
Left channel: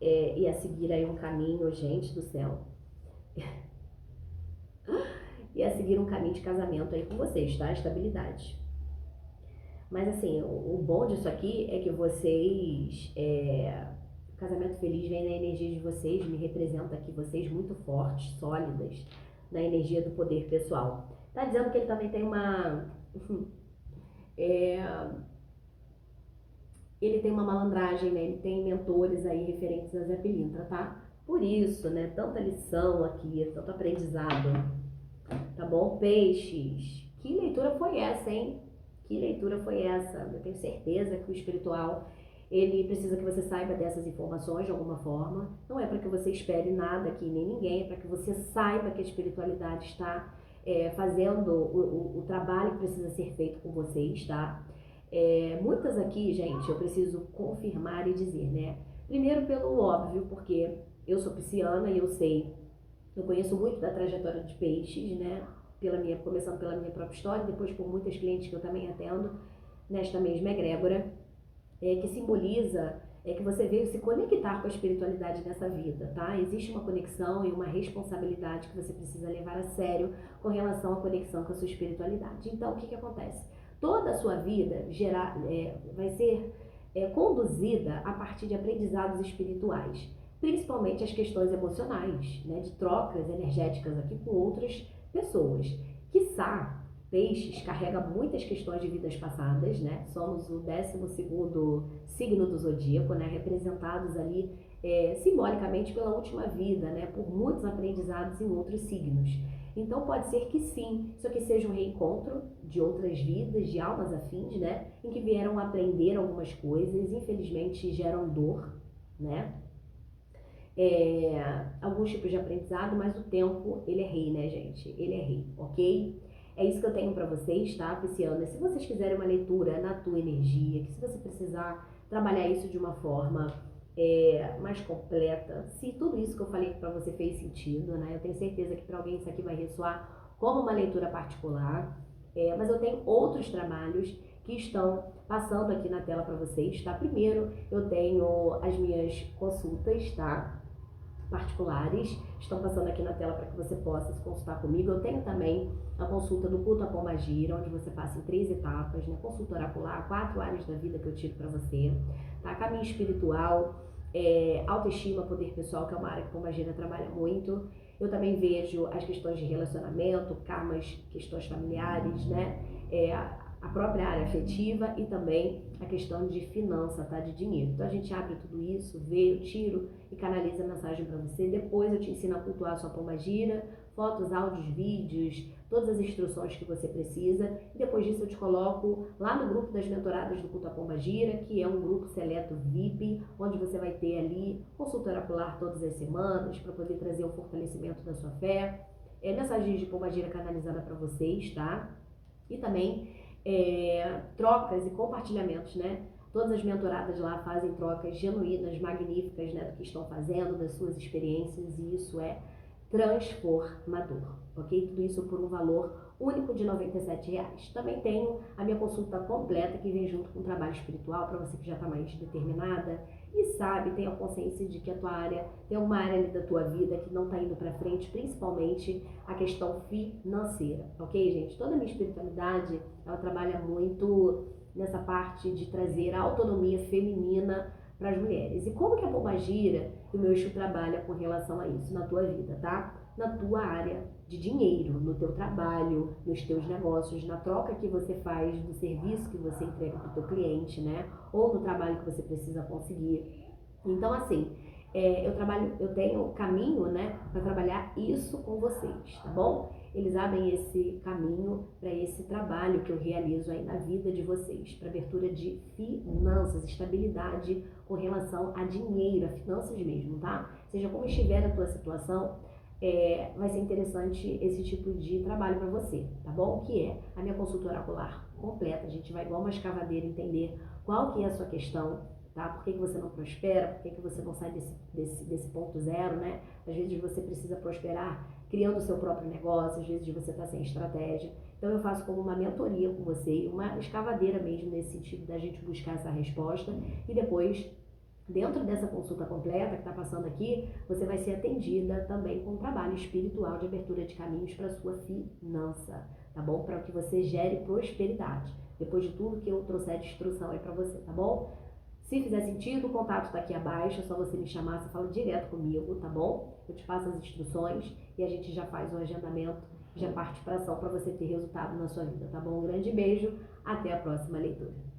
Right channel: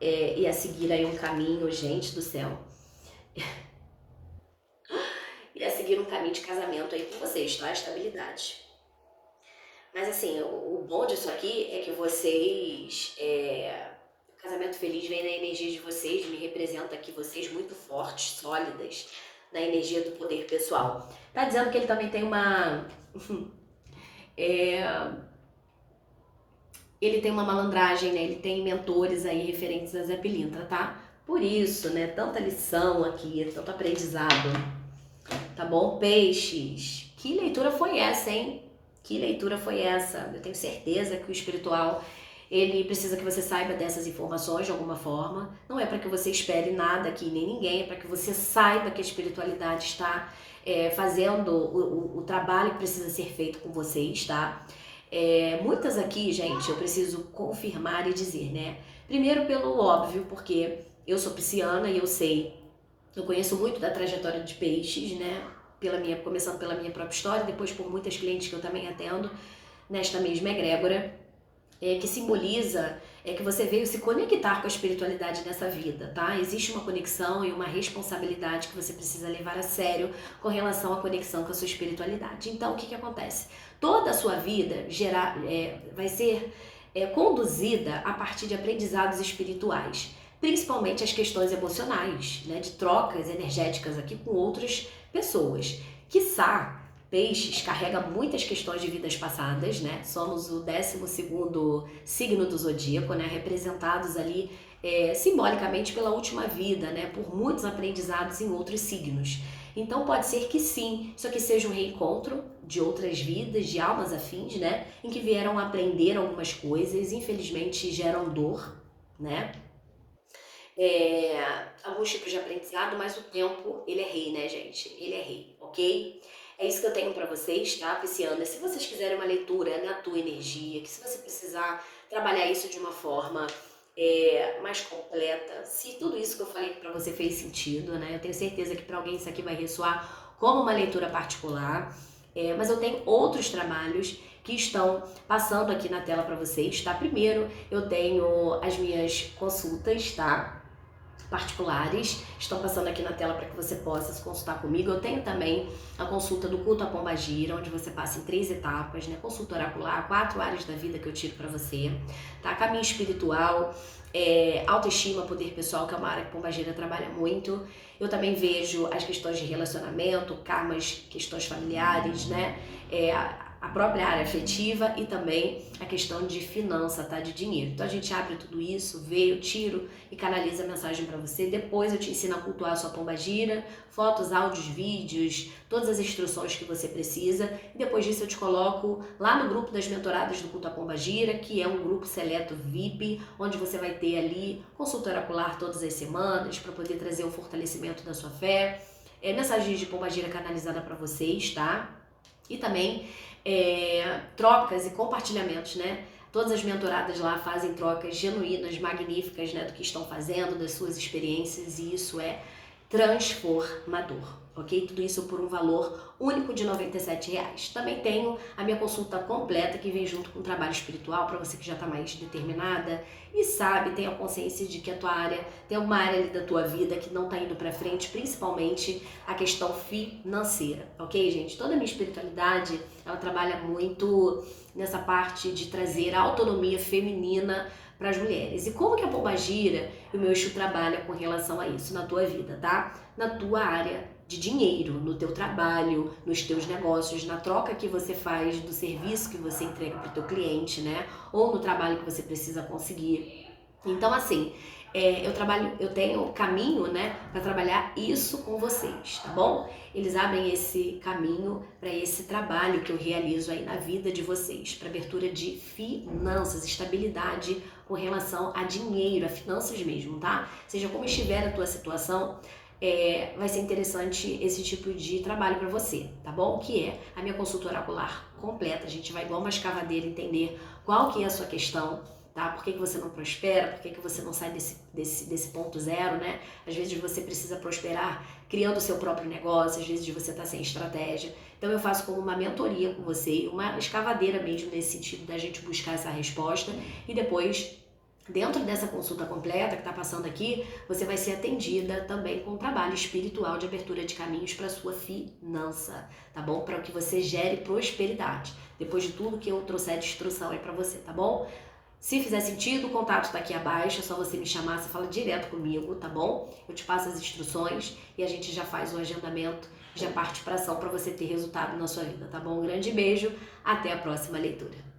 e a seguir aí um caminho, gente do céu. E a seguir um caminho de casamento aí com vocês, tá? Estabilidade. Mas assim, o bom disso aqui é que vocês... O casamento feliz vem na energia de vocês, me representa aqui vocês muito fortes, sólidas, na energia do poder pessoal. Tá dizendo que ele também tem uma... ele tem uma malandragem, né? Ele tem mentores aí referentes a Zé Pilintra, tá? Por isso, né? Tanta lição aqui, tanto aprendizado. Tá bom? Peixes. Que leitura foi essa, hein? Que leitura foi essa? Eu tenho certeza que o espiritual, ele precisa que você saiba dessas informações de alguma forma. Não é para que você espere nada aqui, nem ninguém. É para que você saiba que a espiritualidade está fazendo o trabalho que precisa ser feito com vocês, tá? Muitas aqui, gente, eu preciso confirmar e dizer, né? Primeiro pelo óbvio, porque eu sou pisciana e eu conheço muito da trajetória de peixes, né? Começando pela minha própria história, depois por muitas clientes que eu também atendo nesta mesma egrégora, que simboliza que você veio se conectar com a espiritualidade nessa vida, tá? Existe uma conexão e uma responsabilidade que você precisa levar a sério com relação à conexão com a sua espiritualidade. Então, o que acontece? Toda a sua vida vai ser conduzida a partir de aprendizados espirituais, principalmente as questões emocionais, né, de trocas energéticas aqui com outras pessoas. Quiçá, Peixes carrega muitas questões de vidas passadas, né? Somos o 12º signo do zodíaco, né? Representados ali simbolicamente pela última vida, né? Por muitos aprendizados em outros signos. Então pode ser que sim, isso aqui seja um reencontro de outras vidas, de almas afins, né? Em que vieram aprender algumas coisas, infelizmente geram dor, né? Alguns tipos de aprendizado, mas o tempo, ele é rei, né, gente? Ele é rei, ok? É isso que eu tenho pra vocês, tá, pisciana? Se vocês quiserem uma leitura na tua energia, que se você precisar trabalhar isso de uma forma mais completa, se tudo isso que eu falei pra você fez sentido, né? Eu tenho certeza que pra alguém isso aqui vai ressoar como uma leitura particular, mas eu tenho outros trabalhos que estão passando aqui na tela pra vocês, tá? Primeiro, eu tenho as minhas consultas, tá? Particulares, estão passando aqui na tela para que você possa se consultar comigo. Eu tenho também a consulta do culto à Pombagira, onde você passa em 3 etapas, né? Consulta oracular, 4 áreas da vida que eu tiro para você, tá? Caminho espiritual, autoestima, poder pessoal, que é uma área que Pombagira trabalha muito. Eu também vejo as questões de relacionamento, karmas, questões familiares, né? A própria área afetiva e também a questão de finança, tá? De dinheiro. Então a gente abre tudo isso, vê, eu tiro e canaliza a mensagem para você. Depois eu te ensino a cultuar a sua pombagira, fotos, áudios, vídeos, todas as instruções que você precisa. E depois disso eu te coloco lá no grupo das mentoradas do culto à Pombagira, que é um grupo seleto VIP, onde você vai ter ali consulta oracular todas as semanas para poder trazer o fortalecimento da sua fé. Mensagens de pombagira canalizada para vocês, tá? E também trocas e compartilhamentos, né? Todas as mentoradas lá fazem trocas genuínas, magníficas, né? Do que estão fazendo, das suas experiências, e isso é transformador, ok? Tudo isso por um valor único de R$ 97. Também tenho a minha consulta completa, que vem junto com o trabalho espiritual, para você que já está mais determinada e sabe, tem a consciência de que a tua área, tem uma área ali da tua vida que não está indo para frente, principalmente a questão financeira, ok, gente? Toda a minha espiritualidade, ela trabalha muito nessa parte de trazer a autonomia feminina para as mulheres. E como que a Pombagira e o meu Exu trabalha com relação a isso na tua vida, tá? Na tua área de dinheiro, no teu trabalho, nos teus negócios, na troca que você faz do serviço que você entrega para o teu cliente, né? Ou no trabalho que você precisa conseguir. Então, assim, eu tenho caminho, né, para trabalhar isso com vocês, tá bom? Eles abrem esse caminho para esse trabalho que eu realizo aí na vida de vocês, para abertura de finanças, estabilidade com relação a dinheiro, a finanças mesmo, tá? Seja como estiver a tua situação, vai ser interessante esse tipo de trabalho para você, tá bom? Que é a minha consulta oracular completa. A gente vai igual uma escavadeira entender qual que é a sua questão, tá? Por que você não prospera? Por que você não sai desse ponto zero, né? Às vezes você precisa prosperar criando o seu próprio negócio, às vezes você tá sem estratégia. Então eu faço como uma mentoria com você, uma escavadeira mesmo nesse sentido da gente buscar essa resposta e depois dentro dessa consulta completa que está passando aqui, você vai ser atendida também com um trabalho espiritual de abertura de caminhos para sua finança, tá bom? Para que você gere prosperidade. Depois de tudo que eu trouxer de instrução aí para você, tá bom? Se fizer sentido, o contato está aqui abaixo, é só você me chamar, você fala direto comigo, tá bom? Eu te passo as instruções e a gente já faz um agendamento, já parte para ação para você ter resultado na sua vida, tá bom? Um grande beijo, até a próxima leitura.